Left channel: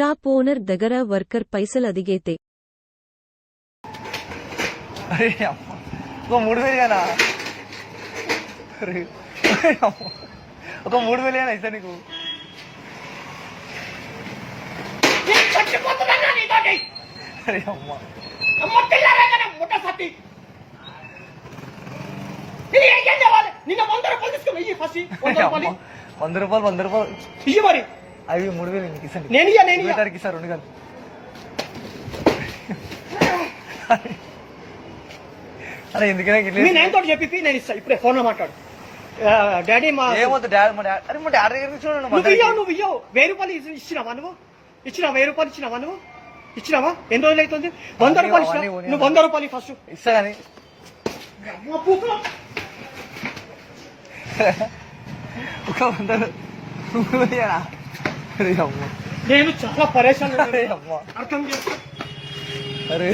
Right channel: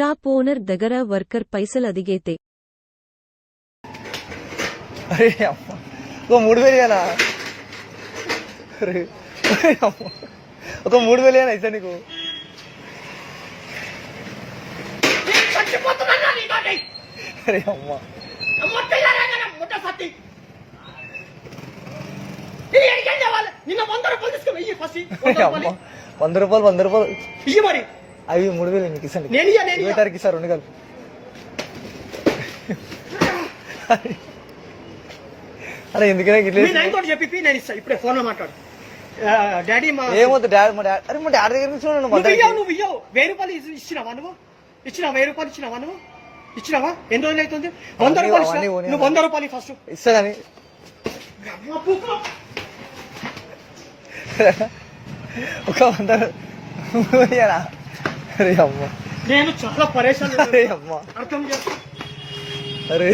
Shop owner దగ్గర worker పైసలు అడిగితే అరే అమ్మ, ఒక 3000 ఇవ్వాలా? అరే ఒక 3000 ఇవ్వాలా ఇస్తా నీకు? అరే అమ్మ, 100 రూపాయలు ఇయ్యి మరి. అవి 3000 నీకు ఇస్తాను. నేను తారీఖు ఇస్తారు 2 గంటలు. అరే ఎందుకనే మీ నాయన తోటి చెప్పి నేను ఇస్తా. ఇప్పుడే ఫోన్ లో మాట్లాడు. డాడీ మా ఏమవుతుంది డాడీ అరే మా డాడీ దగ్గర చూడండి. నువ్వు ఇయ్యవు 1000 రూపాయలు ఇచ్చినావా నువ్వు? ఇచ్చినావా 1000 రూపాయలు ఇచ్చినావా నువ్వు? ఇచ్చినావా? ఎన్ని రోజులు అవుతుంది? 100 రూపాయలు ఇచ్చినా నువ్వు 100 రూపాయలు ఫస్ట్ ఇస్తా కానీ ఒక 100 అరే అమ్మ, నేను చాలా పరేషాన్ అరే అమ్మ, అర్థం చేసుకో. అరే